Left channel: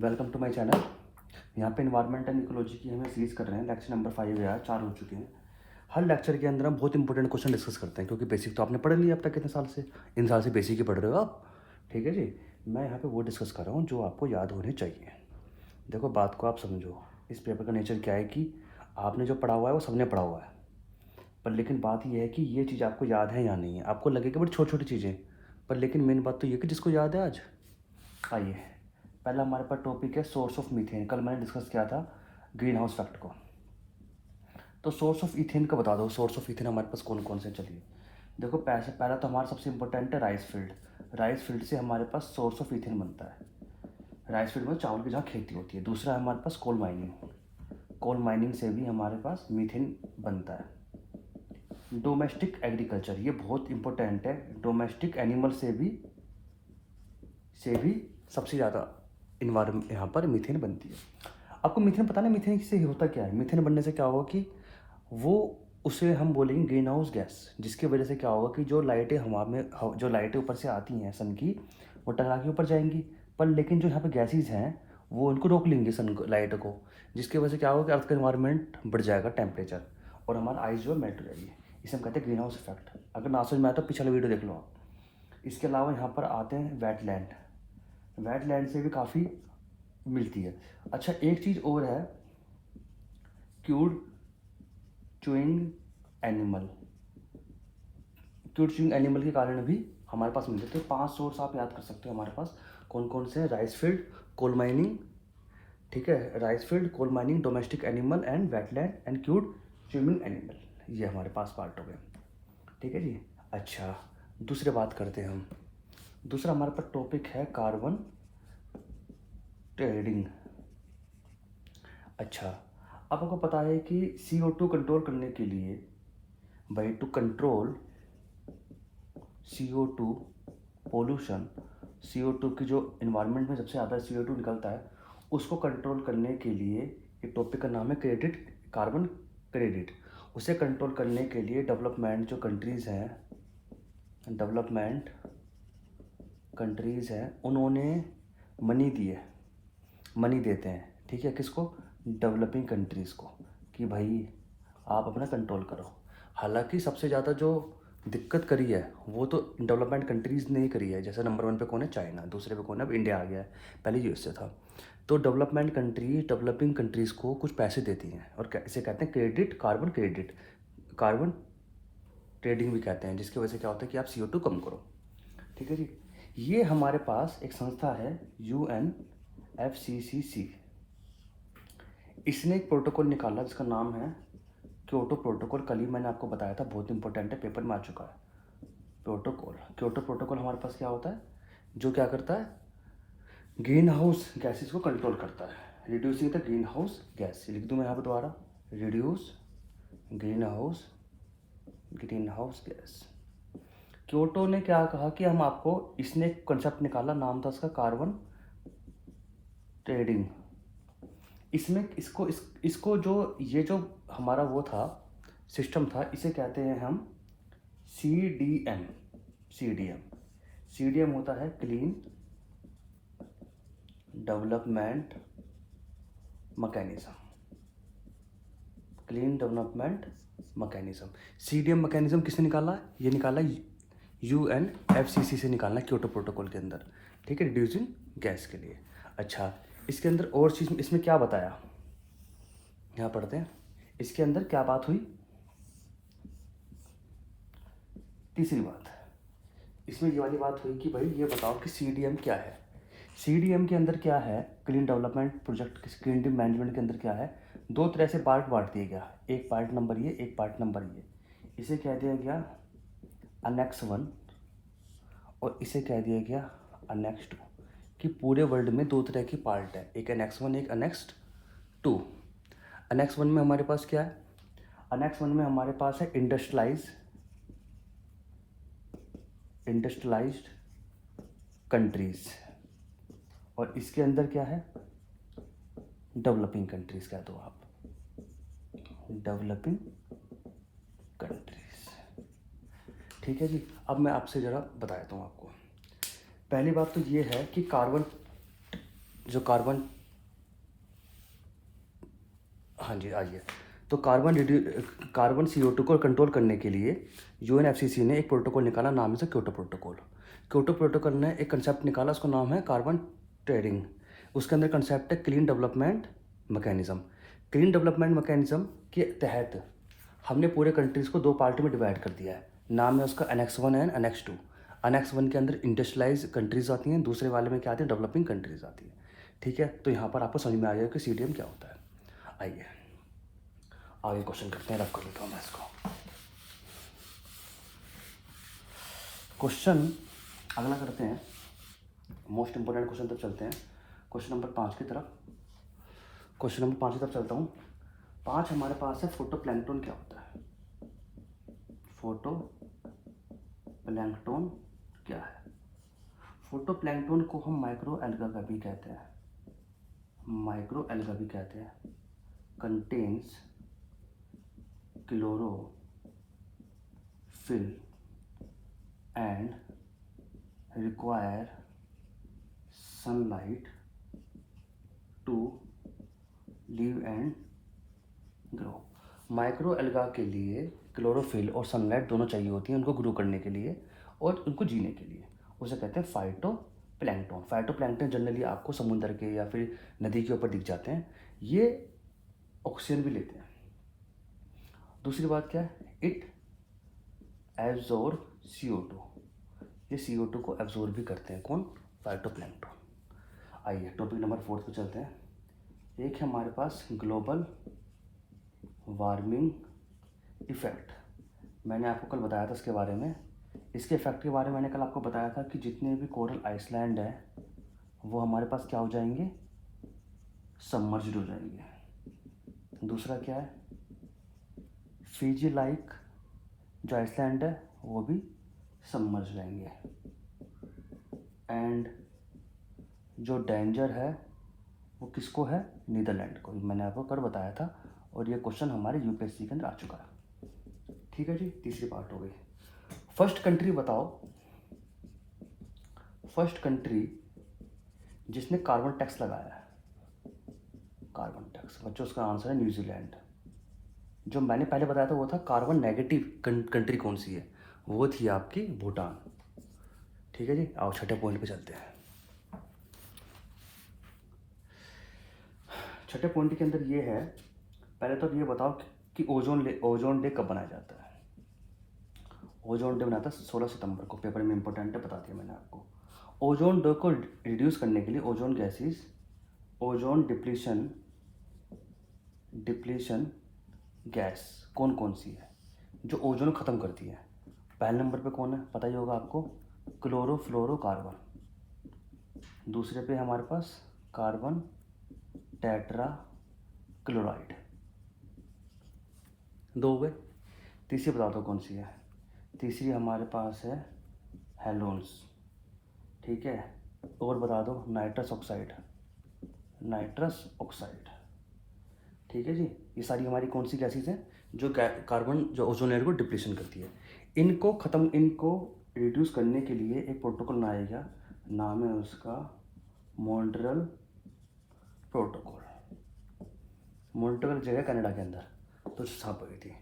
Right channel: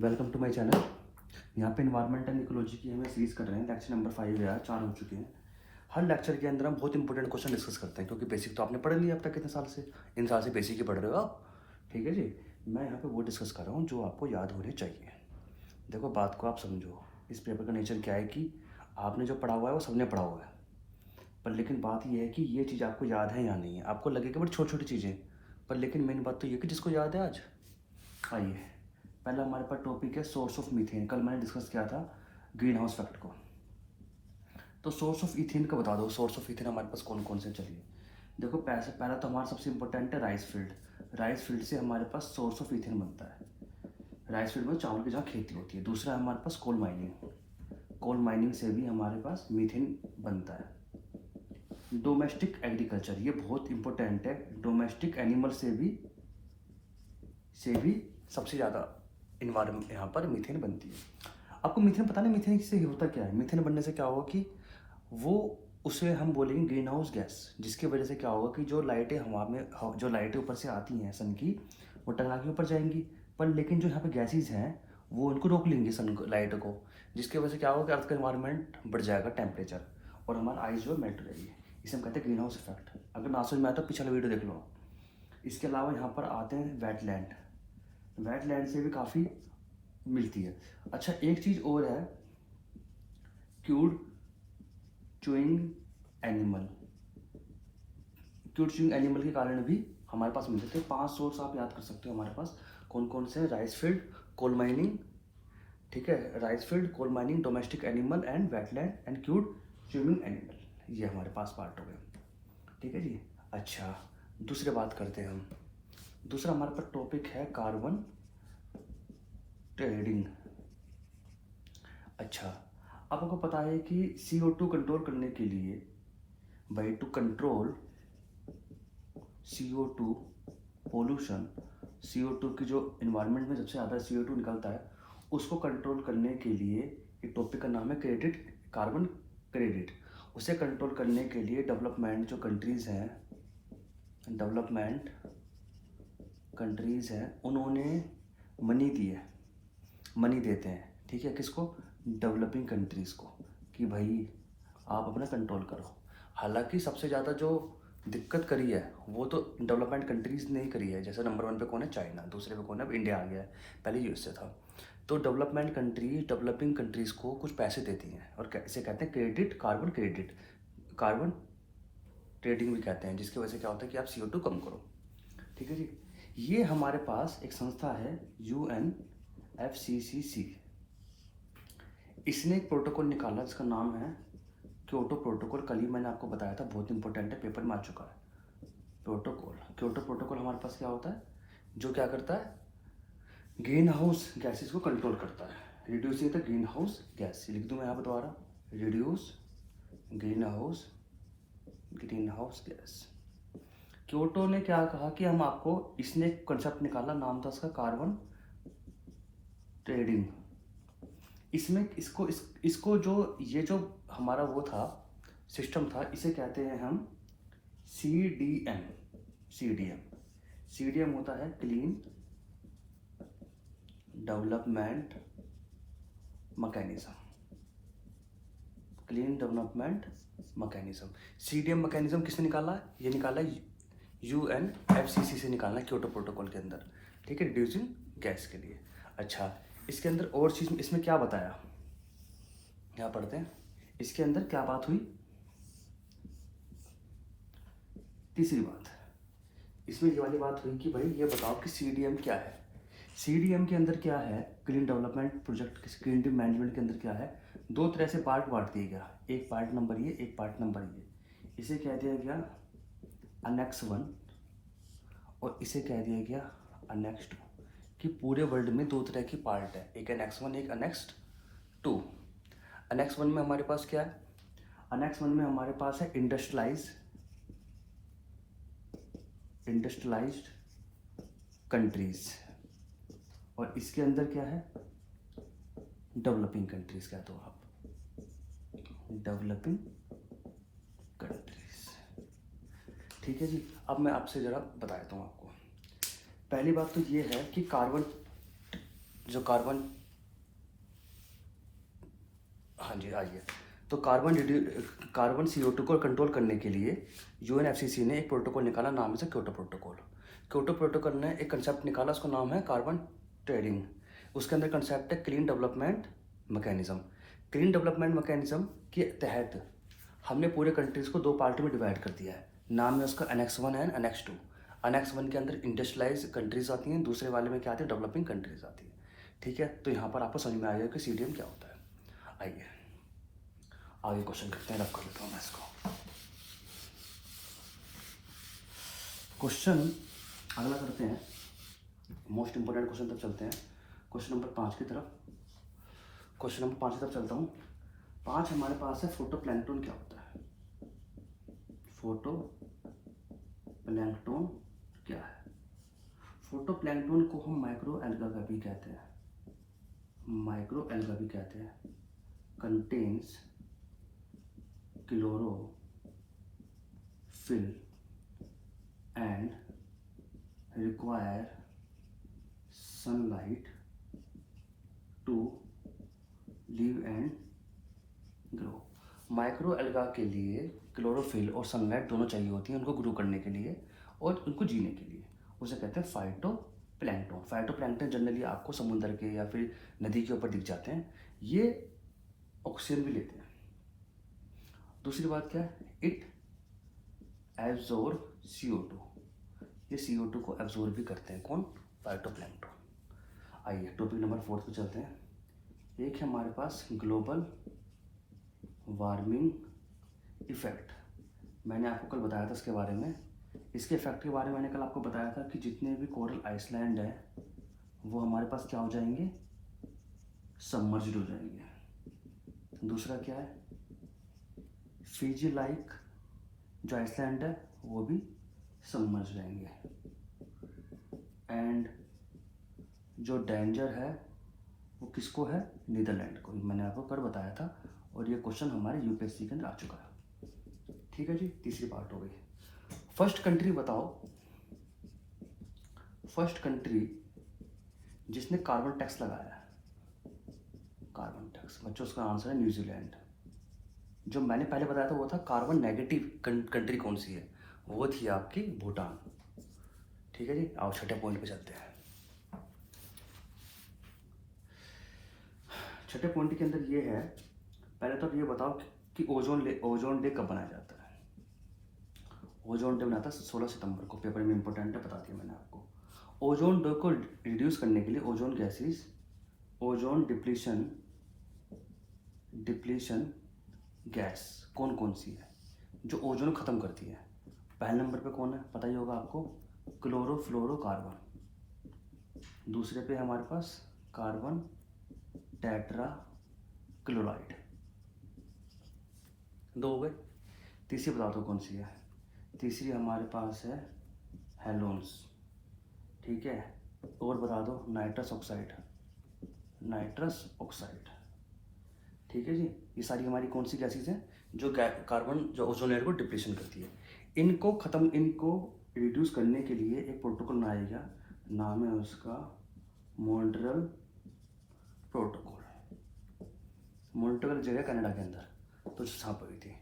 Welcome to my channel. यहाँ पे environment and ecology की हमें सीरीज कर रहे हैं। लेक्चर नंबर 5 है, 4 हो चुके हैं। हर लेक्चर के अंदर हम बहुत इंपॉर्टेंट क्वेश्चन डिस्कस करते हैं, क्योंकि बेसिक तो आपने पढ़ लिया अब तक कितने साल से। इन साल से बेसिक ही पढ़ रहे हो आप। ठीक है जी। मैं यहाँ पे वो डिस्कस कर रहा हूँ जो आपको याद होने चाहिए। देखो, बात को आप समझो। इस पेपर का नेचर क्या है कि आपने जो पढ़ा हुआ है वो सबने पढ़ा हुआ है, पर लेकिन बात यह है कि ये चीज़ आपको याद है या नहीं है। आपको लगेगा बड़ी छोटी छोटी चीज़ें, पर लेकिन मेन बात तो ये कि जिसको याद है आज। आइए, पहला हमारे पास टॉपिक है सोर्स ऑफ मीथेन। कल मैंने डिस्कस किया था ग्रीन हाउस इफेक्ट को। तो सोर्स ऑफ इथेन का बता दो। सोर्स ऑफ इथेन हमारे पास कौन कौन से, चलिए देखो। पहला तो हमारा सबसे इंपॉर्टेंट है राइस फील्ड। राइस फील्ड से हमारे पास सोर्स ऑफ इथेन बनता है। राइस फील्ड में चावल की जहाँ खेती होती है। दूसरा है हमारे पास कोल माइनिंग। कोल माइनिंग से भी हमारे पास मीथेन बनता है। डोमेस्टिक एग्रीकल्चर, ये बहुत इंपॉर्टेंट है। डोमेस्टिक एनिमल से भी सबसे ज़्यादा इन्वायरमेंट यहाँ पर मीथेन बनती है। आपको मीथेन पता नहीं मीथेन से होता क्या है। मीथेन बनने से क्या होगा कि वो उसे हम बोलेंगे ग्रीन हाउस गैस, जिसकी वजह से क्या होगा कि जो लाइटें हवा में, जो लाइटें ऊपर से आती हैं सन की, वो टकरा के ऊपर जाएंगी। पर लेकिन जो यहाँ पे गैसेज हैं वो उनको रोक लेंगे सन लाइट को, जिसकी वजह से क्या होगा कि अर्थ का इन्वायरमेंट बढ़ जाएगा टेम्परेचर, और हमारा आइस जो मेल्ट हो जाएगी। इसे हम कहते हैं ग्रीन हाउस इफेक्ट। अगर ना समझ में आया तो पिछला वीडियो देख लो आप। इसके अलावा यहाँ पर आते हैं वेटलैंड। वेटलैंड से भी काफ़ी मिलती है। अच्छा, एक चीज़ और है, cued chewing animal. Cued chewing animal के कारण भी हमारे पास मिलते हैं। तो 5 सोर्स आप याद कर सकते हो हमारे पास कौन कौन से हैं। राइस फील्ड, कोल माइनिंग, ठीक है, rice field, coal mining, domestic animal and wetland and cud chewing animal. ये हमारे पास पार्ट हो गए। ठीक है जी। अच्छा, दूसरे बात करते हैं हम। दूसरा हमारे पास टॉपिक है कार्बन ट्रेडिंग। अच्छा, अब आपको पता है कि CO2 कंट्रोल करने के लिए, भाई, to control CO2 pollution, CO2 की जो इन्वायरमेंट में सबसे ज़्यादा CO2 निकलता है, उसको कंट्रोल करने के लिए एक टॉपिक का नाम है क्रेडिट, कार्बन क्रेडिट। उसे कंट्रोल करने के लिए डेवलपमेंट जो कंट्रीज़ हैं, डेवलपमेंट कंट्रीज़ हैं, उन्होंने मनी दी है, मनी देते हैं। ठीक है, किसको? डेवलपिंग कंट्रीज़ को, कि भाई आप अपना कंट्रोल करो। हालांकि सबसे ज़्यादा जो दिक्कत करी है वो तो डेवलपमेंट कंट्रीज़ ने ही करी है। जैसे नंबर 1 पे कौन है? चाइना। दूसरे पे कौन है? अब इंडिया आ गया है। पहले यूएसए था। तो डेवलपमेंट कंट्री डेवलपिंग कंट्रीज़ को कुछ पैसे देती हैं, और इसे कहते हैं credit, carbon credit, carbon trading भी कहते हैं, जिसकी वजह से क्या होता है कि आप CO2 कम करो। ठीक है जी। ये हमारे पास एक संस्था है UNFCCC। इसने एक प्रोटोकॉल निकाला जिसका नाम है क्योटो प्रोटोकॉल। कल ही मैंने आपको बताया था, बहुत इंपॉर्टेंट है, पेपर में आ चुका है। प्रोटोकॉल, क्योटो प्रोटोकॉल हमारे पास क्या होता है? जो क्या करता है? ग्रीन हाउस गैसेस को कंट्रोल करता है। रिड्यूस होता है ग्रीन हाउस गैस। लिख दूँ मैं यहाँ पर दोबारा, reduce green house gas. Kyoto ने क्या कहा कि हम आपको, इसने एक कंसेप्ट निकाला, नाम था उसका कार्बन ट्रेडिंग। इसमें इसको जो ये जो हमारा वो था, सिस्टम था, इसे कहते हैं हम CDM। CDM होता है clean development mechanism. Clean development mechanism. CDM mechanism किसने निकाला? ये निकाला UNFCCC से निकालना, क्योटो प्रोटोकॉल के अंदर। ठीक है, रिड्यूसिंग गैस के लिए। अच्छा, इसके अंदर और चीज़, इसमें क्या बताया, यहाँ पढ़ते हैं। इसके अंदर क्या बात हुई? तीसरी बात, इसमें ये वाली बात हुई कि भाई ये बताओ कि CDM क्या है। CDM के अंदर क्या है? Clean development project, clean management के अंदर क्या है? 2 तरह से पार्ट बांट दिया गया। एक पार्ट नंबर ये, एक पार्ट नंबर ये। इसे कह दिया गया अनेक्स 1, और इसे कह दिया गया अनेक्स 2। कि पूरे वर्ल्ड में 2 तरह की पार्ट है, एक अनेक्स 1, एक अनेक्स 2। अनेक्स 1 में हमारे पास क्या है? अनेक्स 1 में हमारे पास है इंडस्ट्रियलाइज्ड कंट्रीज, और इसके अंदर क्या है? डेवलपिंग कंट्रीज कह दो आप, डेवलपिंग कंट्रीज। ठीक है जी। अब मैं आपसे ज़रा बताता हूँ आपको। पहली बात तो ये है कि कार्बन जो कार्बन, हाँ जी आइए, तो कार्बन CO2 को कंट्रोल करने के लिए UNFCCC ने एक प्रोटोकॉल निकाला, नाम है उसका क्योटो प्रोटोकॉल। क्योटो प्रोटोकॉल ने एक कंसेप्ट निकाला, उसका नाम है कार्बन ट्रेडिंग। उसके अंदर कंसेप्ट है clean development mechanism. Clean development mechanism के तहत हमने पूरे कंट्रीज को दो पार्ट में डिवाइड कर दिया है। नाम है उसका Annex 1 एंड Annex 2। Annex 1 के अंदर इंडस्ट्रियलाइज कंट्रीज आती हैं, दूसरे वाले में क्या आती है, डेवलपिंग कंट्रीज आती हैं। ठीक है, तो यहाँ पर आपको समझ में आएगा कि CDM क्या होता है। आइए आगे क्वेश्चन करते हैं, रख कर देता हूँ मैं इसको। क्वेश्चन अगला करते हैं, मोस्ट इंपोर्टेंट क्वेश्चन तक चलते हैं, क्वेश्चन नंबर 5 की तरफ। क्वेश्चन नंबर 5 की तरफ चलता हूँ। 5 हमारे पास है फोटोप्लैंक्टन क्या होता है। फोटोप्लैंक्टन क्या है? फोटोप्लैंक्टन को हम माइक्रो एल्गा का भी कहते हैं, माइक्रो एल्गा भी कहते हैं। Contains chlorophyll and require sunlight to live and grow। Micro alga के लिए क्लोरोफिल और सनलाइट दोनों चाहिए होती हैं उनको ग्रो करने के लिए और उनको जीने के लिए। उसे कहते हैं फाइटोप्लैंक्टन। फाइटोप्लैंक्टन जनरली आपको समुद्र के या फिर नदी के ऊपर दिख जाते हैं। ये ऑक्सीजन भी लेते हैं। दूसरी बात क्या है, इट एब्जॉर्ब CO2। ये CO2 को एब्जॉर्ब भी करते हैं, कौन? फाइटोप्लैंक्टन। आइए टॉपिक नंबर 4 पे चलते हैं। एक है हमारे पास ग्लोबल वार्मिंग इफेक्ट। मैंने आपको कल बताया था इसके बारे में। इसके इफेक्ट के बारे में मैंने कल आपको बताया था कि जितने भी कोरल आइसलैंड है वो हमारे पास क्या हो जाएंगे, सबमर्ज्ड हो जाएंगे। दूसरा क्या है, फिजी लाइक जो आइसलैंड है वो भी सबमर्ज रहेंगे। एंड जो डेंजर है वो किसको है, नीदरलैंड को। मैंने आपको कल बताया था और ये क्वेश्चन हमारे UPSC के अंदर आ चुका है। ठीक है जी, तीसरी पार्ट हो गई। फर्स्ट कंट्री बताओ, फर्स्ट कंट्री जिसने कार्बन टैक्स लगाया है। कार्बन टैक्स बच्चों, उसका आंसर है न्यूजीलैंड। जो मैंने पहले बताया था वो था कार्बन नेगेटिव कंट्री कौन सी है, वो थी आपकी भूटान। ठीक है जी, आओ छठे पॉइंट पे चलते हैं। छठे पॉइंट के अंदर ये है, पहले तो ये बताओ कि ओजोन डे कब बनाया जाता है। ओजोन डे बनाता है 16 सितंबर को, पेपर में इंपॉर्टेंट है, बता दिया मैंने आपको। ओजोन डे को रिड्यूस करने के लिए ozone gases, ozone depletion gas कौन कौन सी है जो ओजोन ख़त्म करती है। पहले नंबर पे कौन है, पता ही होगा आपको, क्लोरोफ्लोरोकार्बन। दूसरे पे हमारे पास कार्बन टेट्रा क्लोराइड, दो गए। तीसरी बता दो कौन सी है, तीसरी हमारे पास है हेलोन्स। ठीक है, और बता दो नाइट्रस ऑक्साइड। ठीक है जी, ये सारी हमारी कौन सी गैसेज हैं जो कार्बन जो ओजोन लेयर को डिप्लीशन करती है। इनको रिड्यूस करने के लिए एक प्रोटोकॉल बनाया गया, नाम है उसका मॉन्ट्रियल प्रोटोकॉल। मॉन्ट्रियल जगह कनाडा के अंदर, तो यहाँ पर थी।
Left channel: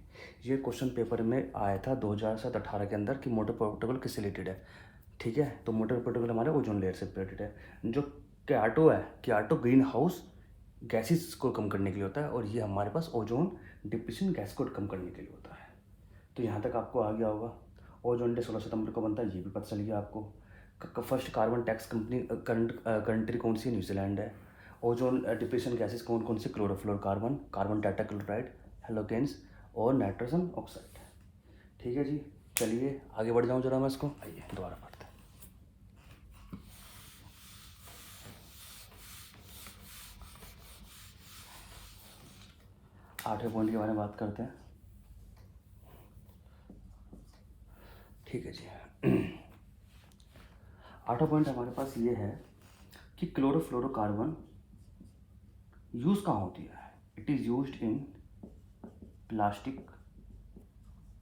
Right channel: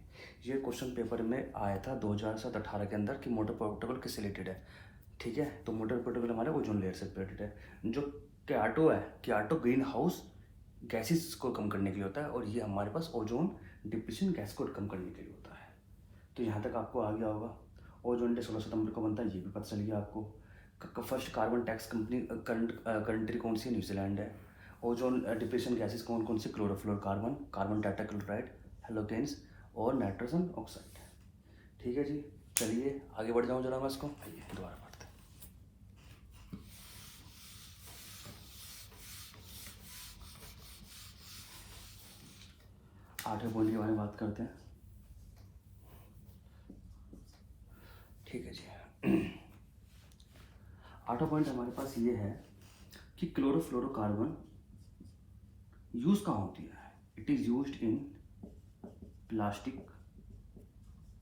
ये क्वेश्चन पेपर में आया था 2018 के अंदर कि मॉन्ट्रियल प्रोटोकॉल किससे रिलेटेड है। ठीक है, तो मॉन्ट्रियल प्रोटोकॉल हमारे ओजोन लेयर से रिलेटेड है। जो क्योटो ग्रीन हाउस गैसेस को कम करने के लिए होता है और ये हमारे पास ओजोन डिप्लीशन गैस को कम करने के लिए होता है। तो यहाँ तक आपको आ गया होगा। ओजोन डे 16 सितंबर को बनता है, ये भी पता चल गया आपको। फर्स्ट कार्बन टैक्स कंट्री कौन सी, न्यूजीलैंड है। ओजोन डिप्लीशन गैसेस कौन कौन सी, क्लोरोफ्लोरोकार्बन, कार्बन टेट्राक्लोराइड, हेलोजेंस और नाइट्रोजन ऑक्साइड। ठीक है जी, चलिए आगे बढ़ जाऊँ जरा मैं इसको, आइए दोबारा पढ़ते हैं। आठवें पॉइंट के बारे में बात करते हैं। ठीक है जी, आठवां पॉइंट हमारे पास ये है कि क्लोरोफ्लोरोकार्बन यूज कहाँ होती है। It is used in plastic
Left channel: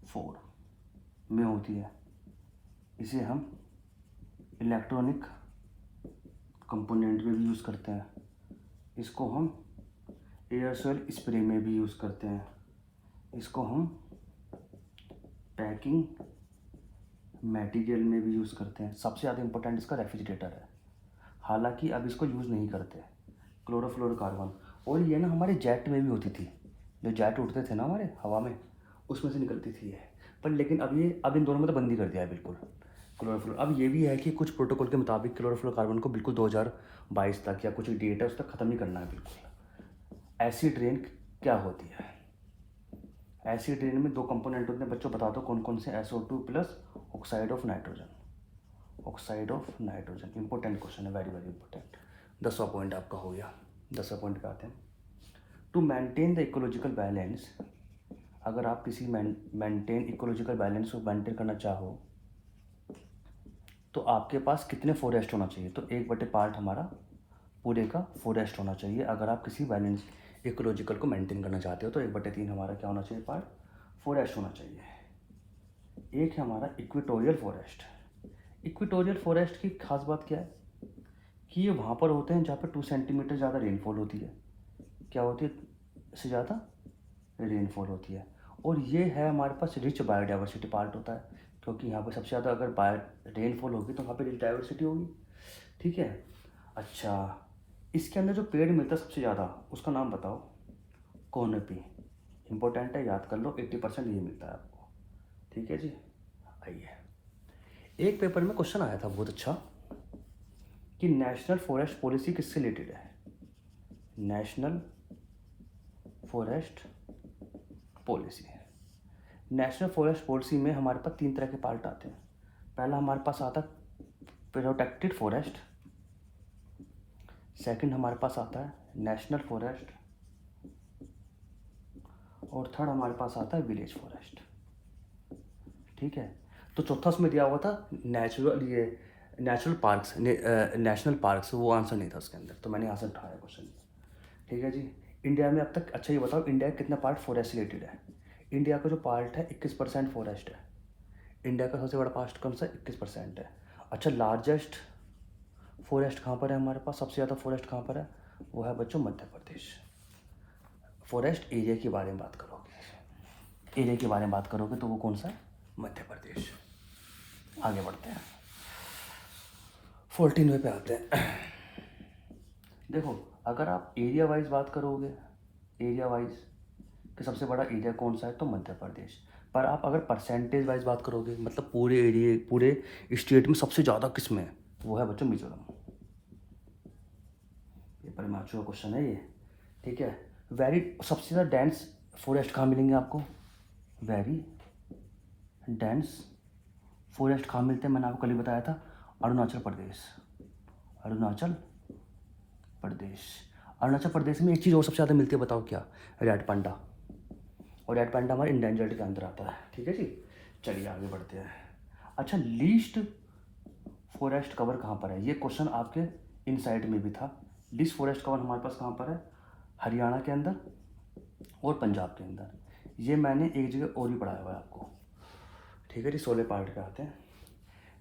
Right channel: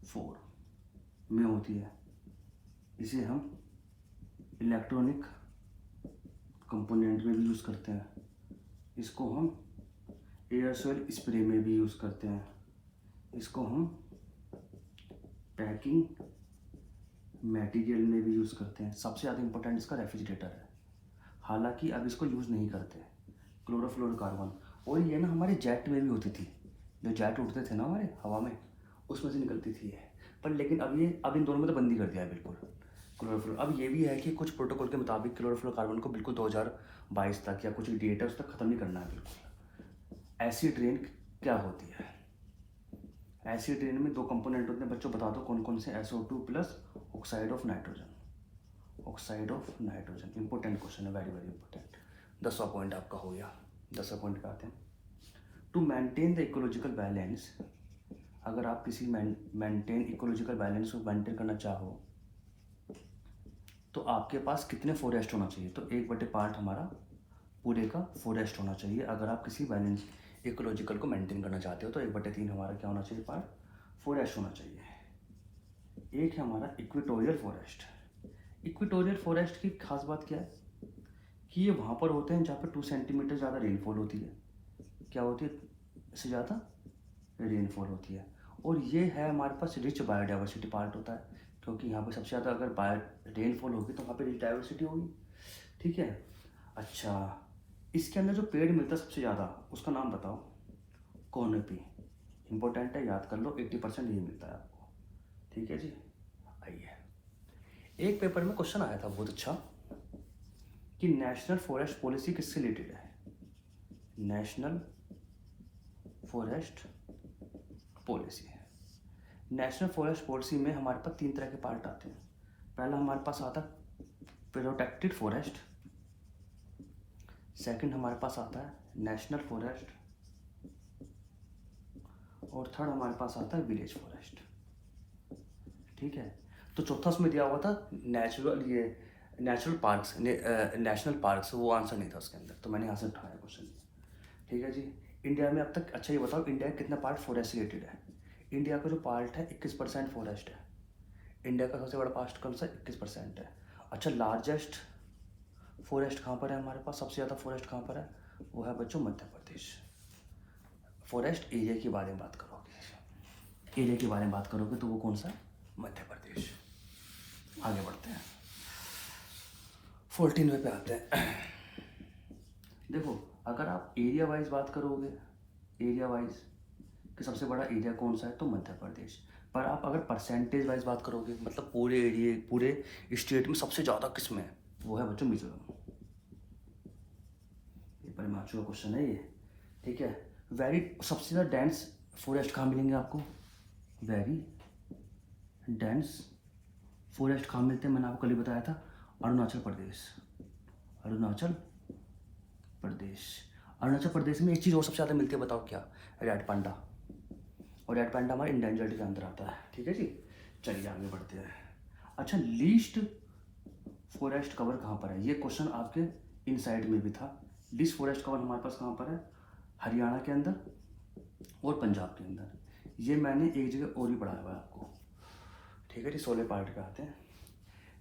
form में होती है। इसे हम इलेक्ट्रॉनिक कंपोनेंट में भी यूज़ करते हैं। इसको हम एयरसोल स्प्रे में भी यूज़ करते हैं, इसको हम पैकिंग मटेरियल में भी यूज़ करते हैं। सबसे ज़्यादा इंपॉर्टेंट इसका रेफ्रिजरेटर है, हालांकि अब इसको यूज़ नहीं करते, क्लोरोफ्लोरोकार्बन। और ये ना हमारे जेट में भी होती थी, जो जेट उड़ते थे ना हमारे हवा में, उसमें से निकलती थी ये। पर लेकिन अब इन दोनों में तो बंदी कर दिया है बिल्कुल क्लोरोफ्लोर। अब ये भी है कि कुछ प्रोटोकॉल के मुताबिक क्लोरोफ्लोरोकार्बन को बिल्कुल 2022 तक या कुछ डेट है उस तक ख़त्म नहीं करना है बिल्कुल। एसिड रेन क्या होती है? एसिड रेन में 2 कंपोनेंट होते हैं बच्चों, बता दो कौन कौन से? SO2 plus oxide of nitrogen. Oxide of nitrogen important question है, वेरी वेरी इंपॉर्टेंट। 10वां पॉइंट आपका हो गया। 10वां पॉइंट पे आते हैं। To maintain the ecological balance, अगर आप किसी मेंटेन इकोलॉजिकल बैलेंस को मेंटेन करना चाहो तो आपके पास कितने फॉरेस्ट होना चाहिए? तो 1/पार्ट हमारा पूरे का फॉरेस्ट होना चाहिए। अगर आप किसी बैलेंस इकोलॉजिकल को मेंटेन करना चाहते हो तो 1/3 हमारा क्या होना चाहिए? पार्ट फॉरेस्ट होना चाहिए। एक है हमारा इक्वेटोरियल फॉरेस्ट। इक्वेटोरियल फॉरेस्ट की खास बात क्या है कि ये वहाँ पर होते हैं जहाँ पर 2 सेंटीमीटर ज़्यादा रेनफॉल होती है। क्या होती है? इससे ज़्यादा रेनफॉल होती है। और ये है हमारे पास रिच बायोडाइवर्सिटी पार्ट होता है, क्योंकि यहाँ पे सबसे ज़्यादा अगर रेनफॉल होगी तो वहाँ पे रिच डाइवर्सिटी होगी। ठीक है। अच्छा, इसके अंदर जो पेड़ मिलता है सबसे ज़्यादा, उसका नाम बताओ। कोनपी। इंपॉर्टेंट है, याद कर लो, 80% ये मिलता है आपको। ठीक है जी। आइए, एक पेपर में क्वेश्चन आया था बहुत अच्छा कि नेशनल फॉरेस्ट पॉलिसी किससे रिलेटेड है? नेशनल फॉरेस्ट पॉलिसी है। नेशनल फॉरेस्ट पॉलिसी में हमारे पास 3 तरह के पार्ट आते हैं। पहला हमारे पास आता है प्रोटेक्टेड फॉरेस्ट, सेकंड हमारे पास आता है नेशनल फॉरेस्ट, और थर्ड हमारे पास आता है विलेज फॉरेस्ट। ठीक है। तो चौथा उसमें दिया हुआ था नेचुरल पार्क्स, नेशनल पार्क्स, वो आंसर नहीं था उसके अंदर, तो मैंने यहाँ से उठाया क्वेश्चन। ठीक है जी। इंडिया में अब तक, अच्छा ये बताओ, इंडिया का कितना पार्ट फॉरेस्ट रिलेटेड है? इंडिया का जो पार्ट है 21% फॉरेस्ट है। इंडिया का सबसे बड़ा पार्ट कौन सा? 21% है। अच्छा, लार्जेस्ट फॉरेस्ट कहाँ पर है हमारे पास? सबसे ज़्यादा फॉरेस्ट कहाँ पर है? वो है बच्चों मध्य प्रदेश। फॉरेस्ट एरिया के बारे में बात करोगे, एरिया के बारे में बात करोगे तो वो कौन सा है? मध्य प्रदेश। आगे बढ़ते हैं, 14वें पे आते हैं। देखो, अगर आप एरिया वाइज बात करोगे, एरिया वाइज कि सबसे बड़ा एरिया कौन सा है, तो मध्य प्रदेश। पर आप अगर परसेंटेज वाइज बात करोगे, मतलब पूरे एरिया, पूरे स्टेट में सबसे ज़्यादा किस में है, वो है बच्चों मिजोरम। ये पर मैचुअर क्वेश्चन है ये। ठीक है। वेरी सबसे ज़्यादा डेंस फॉरेस्ट कहाँ मिलेंगे आपको? वेरी डेंस फॉरेस्ट कहाँ मिलते हैं? मैंने आपको कल ही बताया था, अरुणाचल प्रदेश। अरुणाचल प्रदेश। अरुणाचल प्रदेश में एक चीज़ और सबसे ज़्यादा मिलती है, बताओ क्या? Red panda. और रेड पांडा हमारे इंडेंजर्ड के अंदर आता है। ठीक है जी। चलिए आगे बढ़ते हैं। अच्छा, लीस्ट फॉरेस्ट कवर कहाँ पर है? ये क्वेश्चन आपके इनसाइड में भी था। लीस्ट फॉरेस्ट कवर हमारे पास कहाँ पर है? हरियाणा के अंदर और पंजाब के अंदर। ये मैंने एक जगह और भी पढ़ाया हुआ है आपको। ठीक है जी। 16 पार्ट पे आते हैं।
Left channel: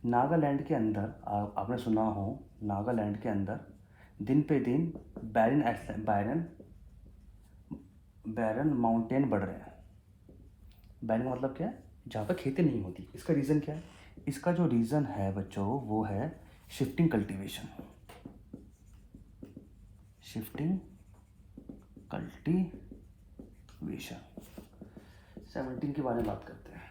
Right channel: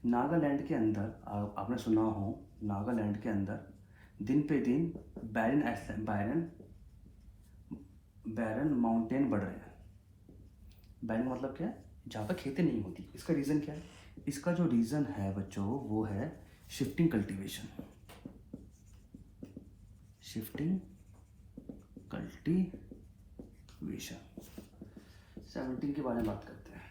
नागालैंड के अंदर, आपने सुना हो, नागालैंड के अंदर दिन पे दिन बैरन माउंटेन बढ़ रहे हैं। बैरन मतलब क्या है? जहाँ पर खेती नहीं होती। इसका रीज़न क्या है? इसका जो रीज़न है बच्चों वो है शिफ्टिंग कल्टीवेशन। Shifting cultivation. 17 के बारे में बात करते हैं।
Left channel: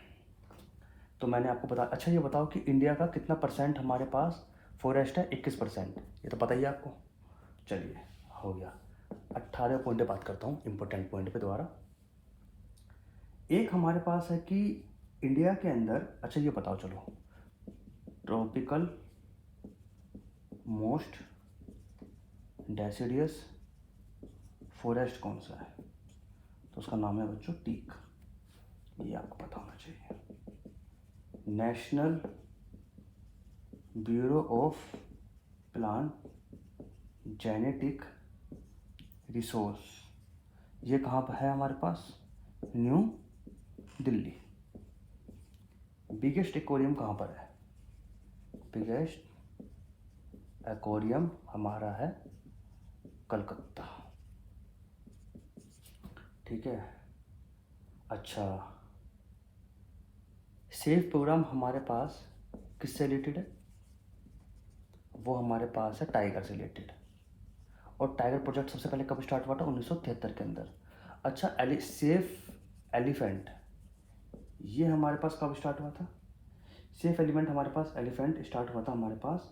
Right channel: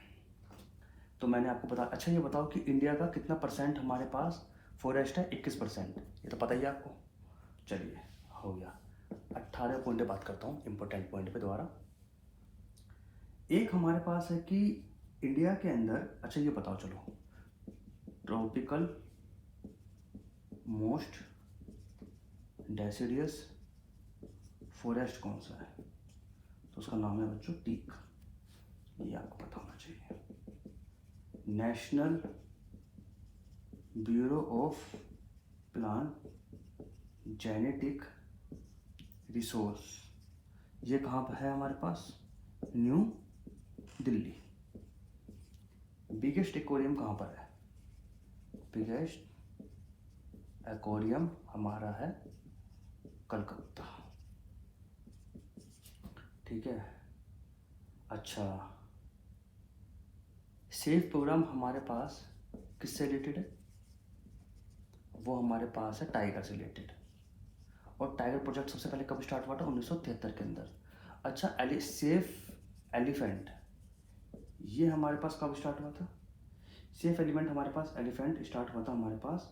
तो मैंने आपको बता, अच्छा ये बताओ कि इंडिया का कितना परसेंट हमारे पास फॉरेस्ट है? 21%। ये तो पता ही है आपको। चलिए, हो गया। 18 पॉइंट पे बात करता हूँ, इंपॉर्टेंट पॉइंट पे दोबारा। एक हमारे पास है कि इंडिया के अंदर, अच्छा ये बताओ चलो, ट्रॉपिकल मोस्ट डेसिडियस फॉरेस्ट कौन सा है? तो उसका नाम है बच्चों टीक। ये आपको पता होना चाहिए। National bureau of plant genetic resource, ये कहाँ पर है हमारे पास? न्यू दिल्ली। बिगेस्ट एक्वेरियम कहाँ पर है? बिगेस्ट एक्वेरियम हमारा है कलकत्ता। ठीक है। अच्छा, सेव प्रोग्राम हमारे पास किससे रिलेटेड है? वो हमारे पास है टाइगर से रिलेटेड। और टाइगर प्रोजेक्ट सबसे पहले कब स्टार्ट हुआ था? 1973 के अंदर। अच्छा, सेफ एलिफेंट, ये हमारे पास कब स्टार्ट हुआ था? सेफ एलिमेंट हमारे पास एलिफेंट स्टार्ट हुआ था हमारे पास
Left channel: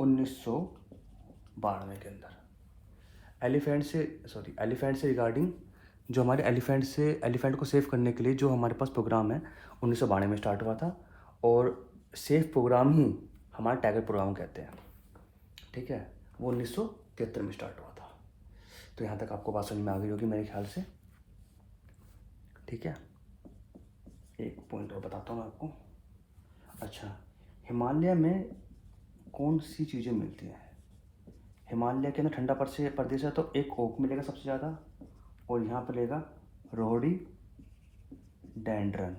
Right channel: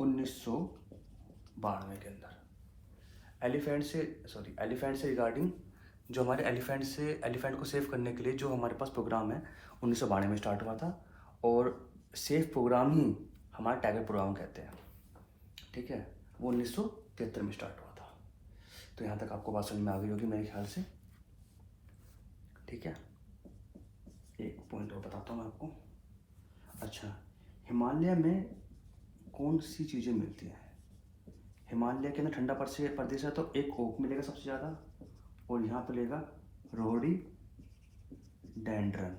1992 के अंदर। एलिफेंट से रिगार्डिंग जो हमारे एलिफेंट को सेव करने के लिए जो हमारे पास प्रोग्राम है 1992 में स्टार्ट हुआ था। और सेफ प्रोग्राम ही हमारा टाइगर प्रोग्राम कहते हैं। ठीक है, वो 1973 में स्टार्ट हुआ था। तो यहाँ तक आपको बात समझ में आ गई होगी मेरे ख्याल से। ठीक है, एक पॉइंट और बताता हूँ आपको। अच्छा, हिमालय में कौन सी चीज़ें मिलती हैं? हिमालय के अंदर ठंडा प्रदेश है तो एक ओक मिलेगा सबसे ज़्यादा, और यहाँ पर मिलेगा रोडी डेंड्रन।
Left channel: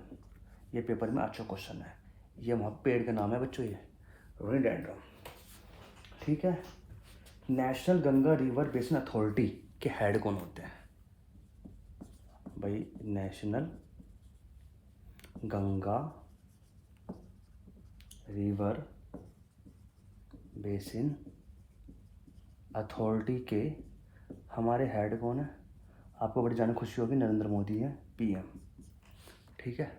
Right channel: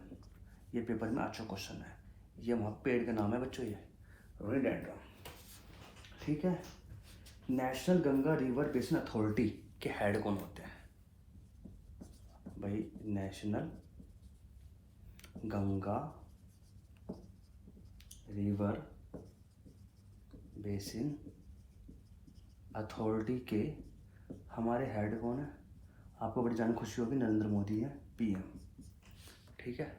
ये पेपर में अच्छा क्वेश्चन है, ये वहाँ पेड़ का नाम है बच्चों, ये रोडी डेंड्रन। ठीक है। National Ganga river basin authority के हेड कौन होते हैं? भाई, national Ganga river basin authority के हमारे हेड कौन है? आपको बड़ी जान खुशी होगी, नरेंद्र मोदी है, पीएम। ठीक है,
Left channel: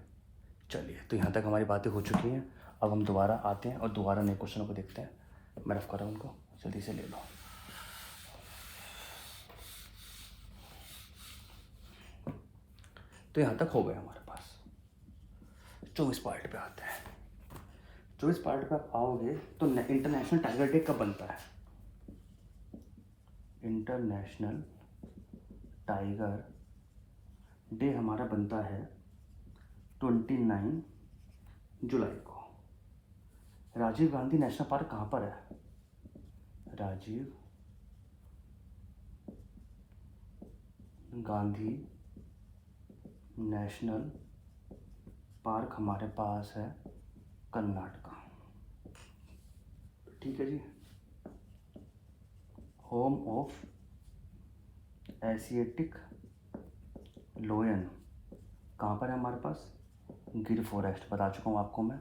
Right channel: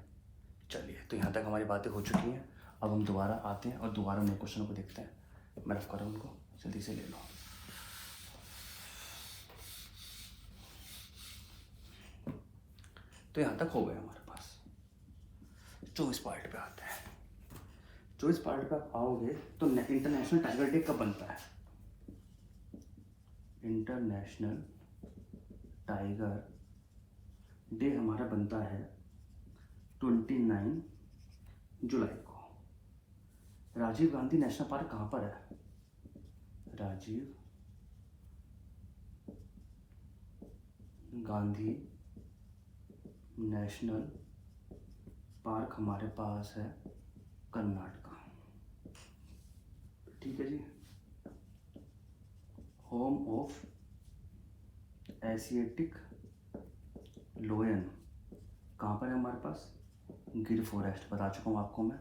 चलिए, तो यहाँ तक हमारी बातें हो चुकी हैं। अब हम दोबारा आते हैं और दोबारा नए क्वेश्चनों को देखते हैं। मैं रफ कर रहा हूँ उनको, जल्दी से ले लो। तो यहाँ तक हो गए हमारे पास। 24 पार्ट पे आते हैं। 24 पार्ट पे आप आओगे तो इंटरनेशनल टाइगर डे कब बनता है? इंटरनेशनल टाइगर डे हमारा बनता है 29 जुलाई को। राजीव गांधी नेशनल पार्क कहाँ पर है? राजीव गांधी नेशनल पार्क हमारे पास है कर्नाटका। ठीक है जी। होम ऑफ एशियाटिक लोयन कहाँ पर है हमारे पास? गिर फॉरेस्ट, बता चुका हूँ आपको मैं।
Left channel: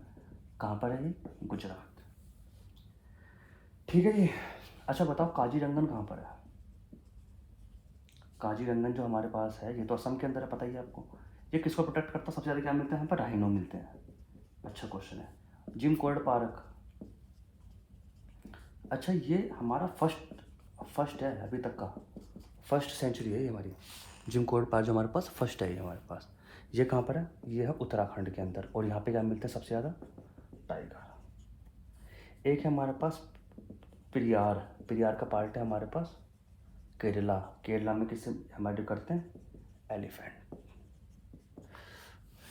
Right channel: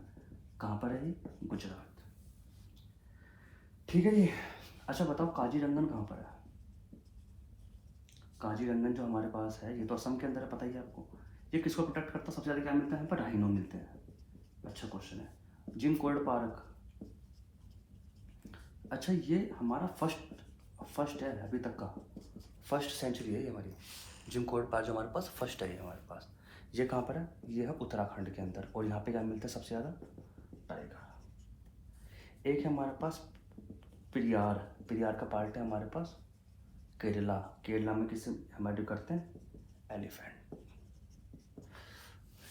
कहाँ पर है ये? गुजरात। ठीक है जी। अच्छा बताओ, काजीरंगन कहाँ पर है? काजीरंगन जो हमारे पास है ये तो असम के अंदर है, पता ही है आपको। ये किसको प्रोटेक्ट करता है? सबसे ज़्यादा क्या मिलता है यहाँ पर? राइनो मिलते हैं। अच्छा क्वेश्चन है। जिम कॉर्बेट पार्क, अच्छा ये हमारा फर्स्ट है अभी तक का, फर्स्ट सेंचुरी है ये हमारी। जिम कॉर्बेट पार्क जो हमारे पास फर्स्ट है ये हमारे पास। ये कहाँ पर है? ये है उत्तराखंड के अंदर। और यहाँ पे क्या मिलता है सबसे ज़्यादा? टाइगर। एक है हमारे पास पेरियार का पार्ट है हमारे पास केरला में किससे हमारे करते हैं? एलिफेंट।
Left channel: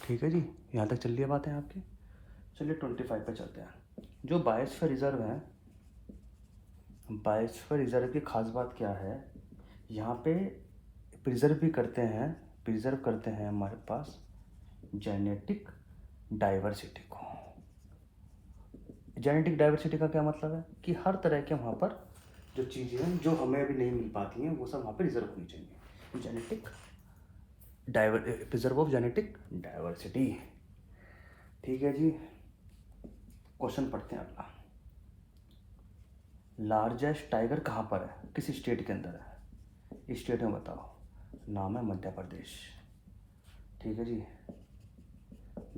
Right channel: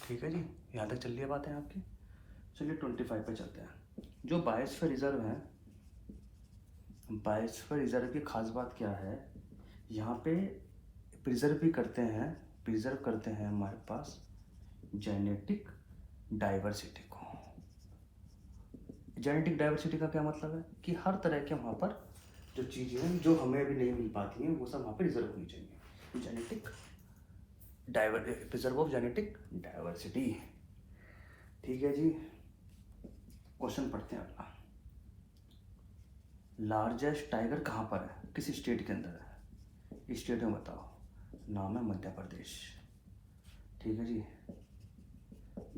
ठीक है जी, यहाँ तक चल रही है बातें आपकी। चलिए 25 पे चलते हैं। जो बायोस्फीयर रिजर्व है, बायोस्फीयर रिजर्व की खास बात क्या है? यहाँ पे प्रिजर्व करते हैं हमारे पास जेनेटिक डाइवर्सिटी को। जेनेटिक डाइवर्सिटी का क्या मतलब है? कि हर तरह के वहाँ पर जो चीज़ें हैं जो हमें अभी नहीं मिल पाती हैं वो सब वहाँ पर रिजर्व होनी चाहिए। Genetic preserve of genetic diversity. ठीक है जी, क्वेश्चन पढ़ते हैं अगला। लार्जेस्ट टाइगर कहाँ पर है? किस स्टेट के अंदर है? स्टेट में बताओ। नाम है मध्य प्रदेश। ठीक है जी।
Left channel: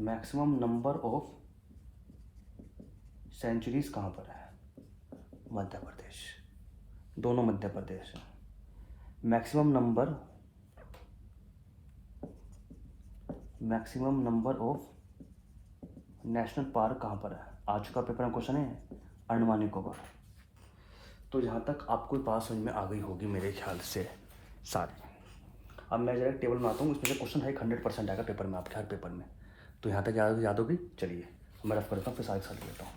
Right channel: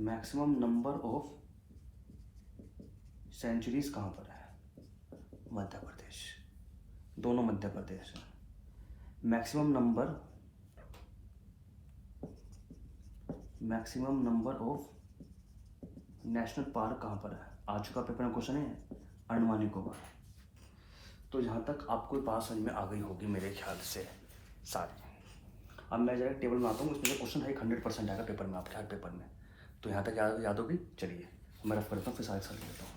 मैक्सिमम नंबर ऑफ सेंचुरीज कहाँ पर है? मध्य प्रदेश। दोनों मध्य प्रदेश है। Maximum number of national park कहाँ पर है? आज का पेपर में क्वेश्चन है अंडमान निकोबार। तो यहाँ तक आपको बात समझ में आ गई होगी मेरे ख्याल से सारी। अब मैं जरा टेबल में आता हूँ, उसमें क्वेश्चन है 100% आएगा पेपर में, आपके हर पेपर में। तो यहाँ तक याद होगी। चलिए मैं रफ करता हूँ, फिर साथ देता हूँ।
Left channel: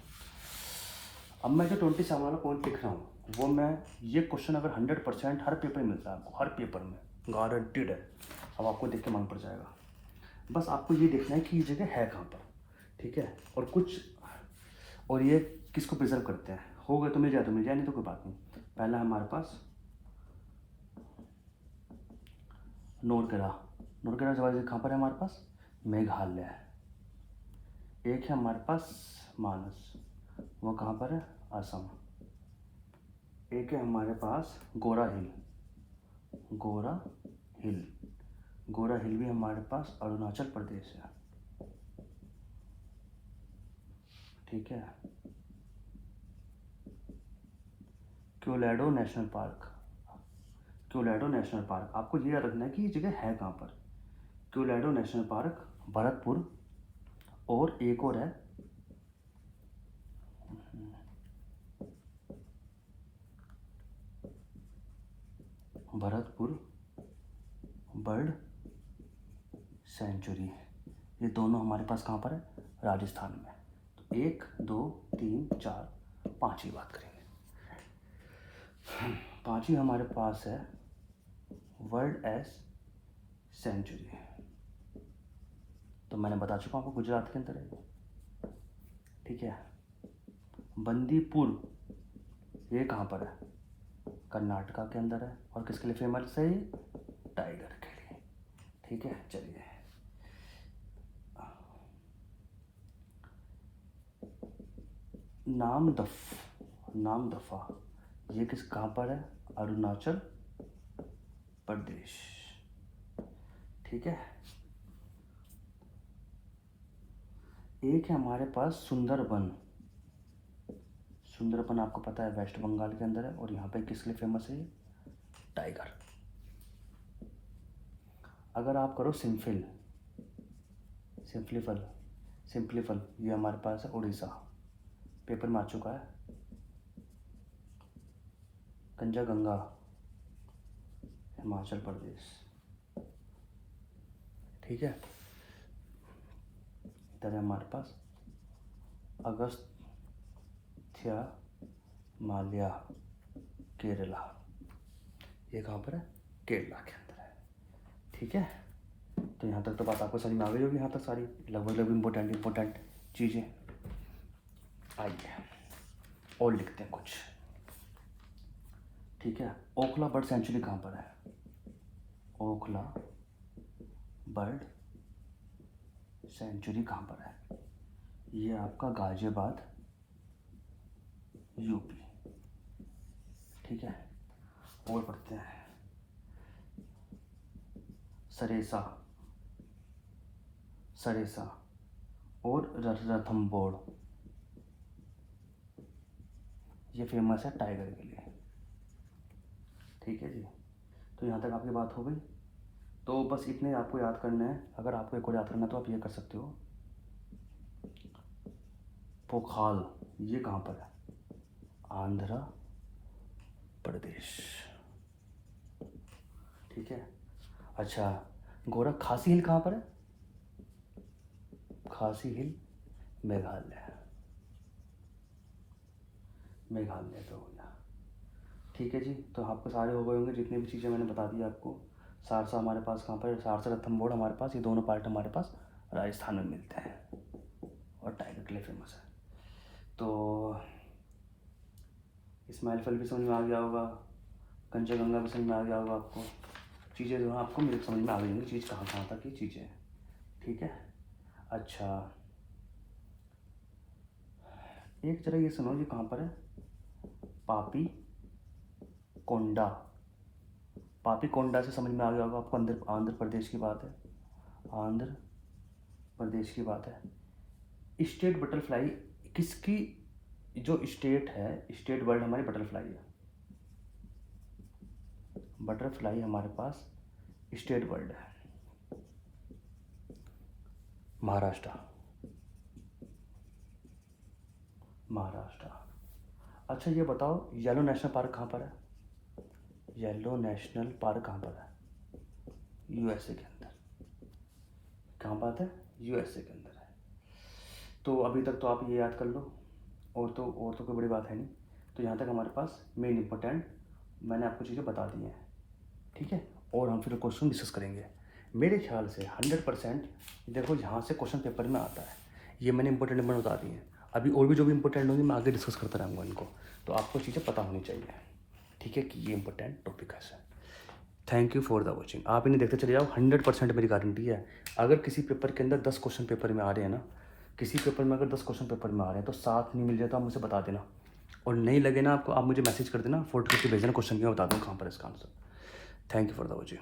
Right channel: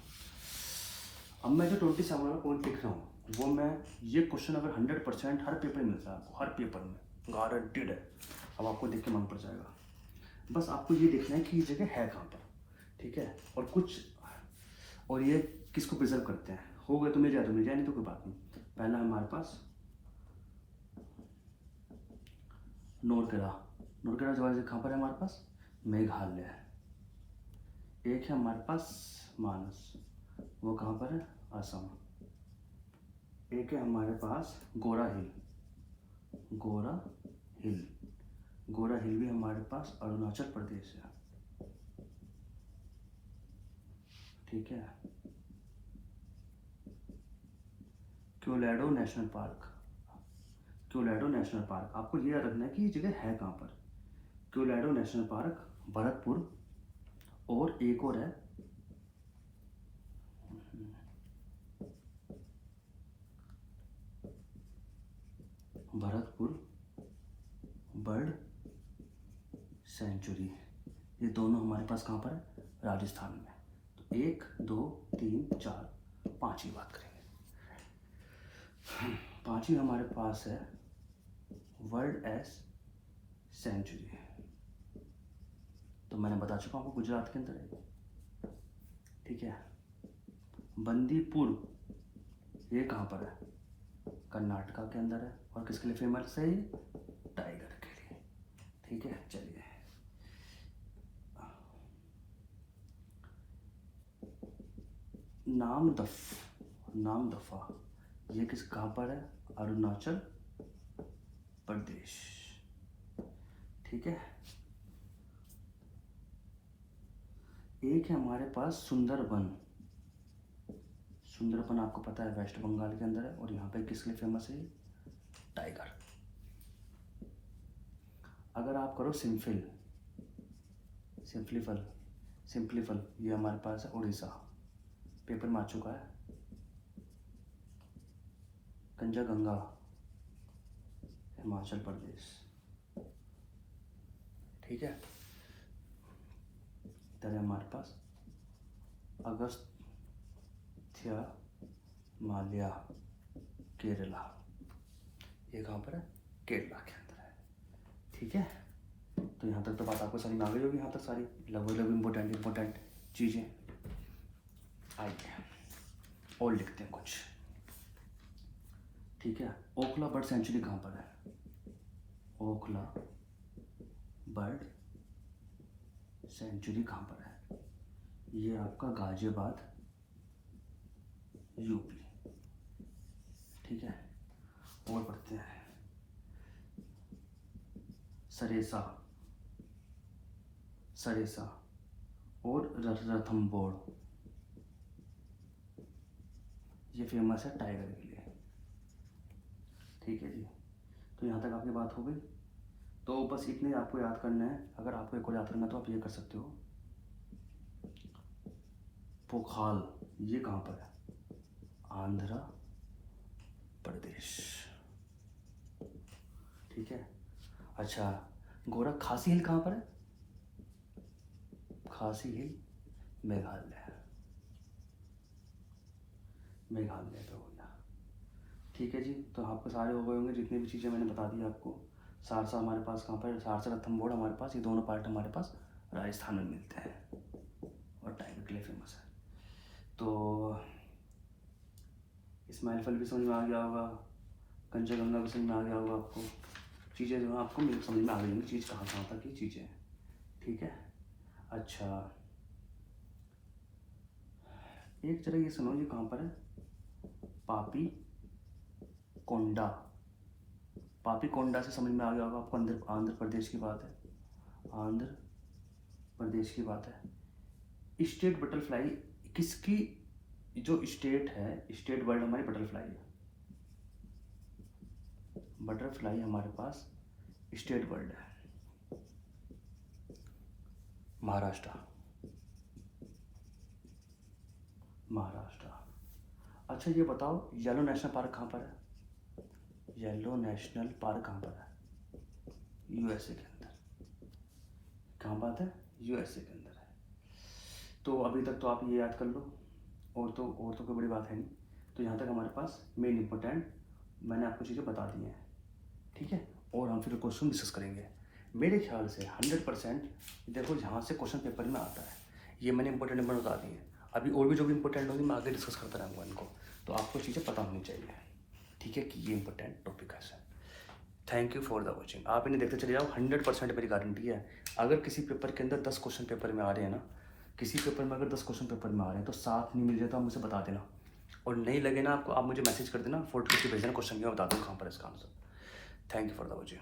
अब मैं जो 27 वाला पॉइंट लिख रहा हूँ वो मैं, ये क्वेश्चन अगर 100% हर पेपर में मिलता है आपको, हर पेपर में गारंटीड है। अब आपको देख के मन पड़ जाएगा। बस आपको ये देखना है कि ये जगह है कहाँ पर। ठीक है, और ये किसको प्रिजर्व करते हैं? हो गए तो मिल जाए नहीं तो कोई बात नहीं। पहला हमारे पास नोरगेरा। नोरगेरा जवाब कहाँ पर है हमारे पास? मेघालय। एक है हमारे पास मानस, वो कहाँ पर है? असम। एक है हमारे पास गोरा हिल। गोरा हिल, गोरा हिल भी हमारे पास अरुणाचल प्रदेश है। ठीक है। क्योलाडो नेशनल पार्क। क्योलाडो नेशनल पार्क, आपको ये याद रखना है कि ये जगह है कहाँ पर। क्योलाडो नेशनल पार्क भरतपुर, और एक और है भरतपुर बर्ड सेंचुरी। ये दोनों हमारे पास कहाँ पर है? राजस्थान में। तो 1 2 3 4 5 की बात करेंगे। पांचवी हमारे पास है वर्ल्ड एस सेंचुरी। तो मैंने बता चुका हूँ आपको, गुजरात के अंदर है। ठीक है। बंदीपुर, ये कहाँ पर है? कर्नाटका के अंदर है। और किसके लिए फेमस है? टाइगर के लिए। ठीक है, चलिए। नामदफा, ये किस कहाँ पर है? अरुणाचल प्रदेश। ठीक है। एक है हमारे पास सुंदरबन। सुंदरबन आपको पता है वेस्ट बंगाल के अंदर है, और यहाँ पे किस लिए फेमस है? टाइगर। अगर आप करो सिंपलीफल, ये हमारे पास है उड़ीसा, पेपर में आ चुका है। कंजागंगा, हिमाचल प्रदेश। ठीक है। इधर है हमारे पास अगस्त्यामाल्या, केरला। ये कहाँ पर है? केरला के अंदर है। ठीक है। तो यहाँ तक तो बात आपको समझ में आ गई होगी, यहाँ तक सारी लगभग इम्पोर्टेंट चीज़ें। आइए और लिखते हैं कुछ। ठीक है। ओखला बर्ड सेंचुरी कहाँ पर है? ओखला बर्ड सेंचुरी कहाँ पर है? ये आपका गाजियाबाद, यूपी। ठीक है। और पढ़ते हैं। सरेसा और रणथंभौर, ये फेमस है टाइगर के लिए। ठीक है जी। तो यहाँ तक आपकी बात हो गई। तो बस इतने आपको याद करना है। अगर आपको एक और याद करना है तो आप ये कर सकते हो। पोखाल, ये कहाँ पर है? आंध्र प्रदेश। ठीक है। अच्छा, खासी हिल कहाँ पर है? खासी हिल मेघालय तो हो गया। ठीक है जी। तो आपको सारे हो गए होंगे जितनी भी चीज़ें मैंने बता दी आपको। सारसा हमारे पास कहाँ पर है? सारसा रणथंभौर हमारे पास, ये दोनों पार्ट हमारे पास राजस्थान में मिलते हैं, और टाइगर के लिए फेमस है। तो इस्माइल फल भी समझ में आ गया होगा, कंचनजंगा भी समझ में आ गया होगा आपको। चीज़ें जो हैं आपको मेरे समझ में आ गई होंगी, चीज़ कहाँ कहाँ तक की चीज़ें हैं। ठीक है। अच्छा, एक जरा ये सुनो, ये कहाँ पर है? पापी कोंडा। पापी कोंडा से समझ में आ गया होगा आपको, आंध्र प्रदेश की बात है। आंध्र प्रदेश की बात है। स्टेट बटरफ्लाई किसकी? जो स्टेट है, स्टेट वर्ड हमारी बटरफ्लाई है। बटरफ्लाई हमारे पास स्टेट वर्ड है, महाराष्ट्र। अच्छा ये बताओ, येलो नेशनल पार्क कहाँ पर है? येलो नेशनल पार्क कहाँ पर है? यूएसए के अंदर। कहाँ बात है? यूएसए के अंदर है। तो अभी तक तो आप ये याद कर लो, और तो कोई बड़ी बात है नहीं। तो यहाँ तक हमारे पास मेन इंपॉर्टेंट मैंने आपको चीज़ें बता दी हैं। ठीक है। और हम फिर क्वेश्चन डिस्कस करेंगे। मेरे ख्याल से 100% देखो जहाँ से क्वेश्चन पेपर में आता है, ये मैंने इंपॉर्टेंट नंबर बता दिए हैं। अभी और भी जो भी इंपॉर्टेंट होंगे मैं आगे डिस्कस करता रहूँगा इनको, तो आपको चीज़ें पता होनी चाहिए। ठीक है कि ये इंपॉर्टेंट टॉपिक है। Thank you for the watching. आप इन्हें देखते चले जाओ, 100% मेरी गारंटी है। अगर किसी पेपर के अंदर 10 क्वेश्चन पेपर में आ रहे हैं ना, किसी पेपर में अगर 10 क्वेश्चन पेपर में आ रहे हैं तो 7 नहीं मिल जाता, आप मुझे बता देना। और नहीं लगे ना आपको, आप मुझे मैसेज कर देना, फोटो खींच के भेजना क्वेश्चन, मैं बता दूँ कहाँ पर है इसका answer. Thank you for the watching.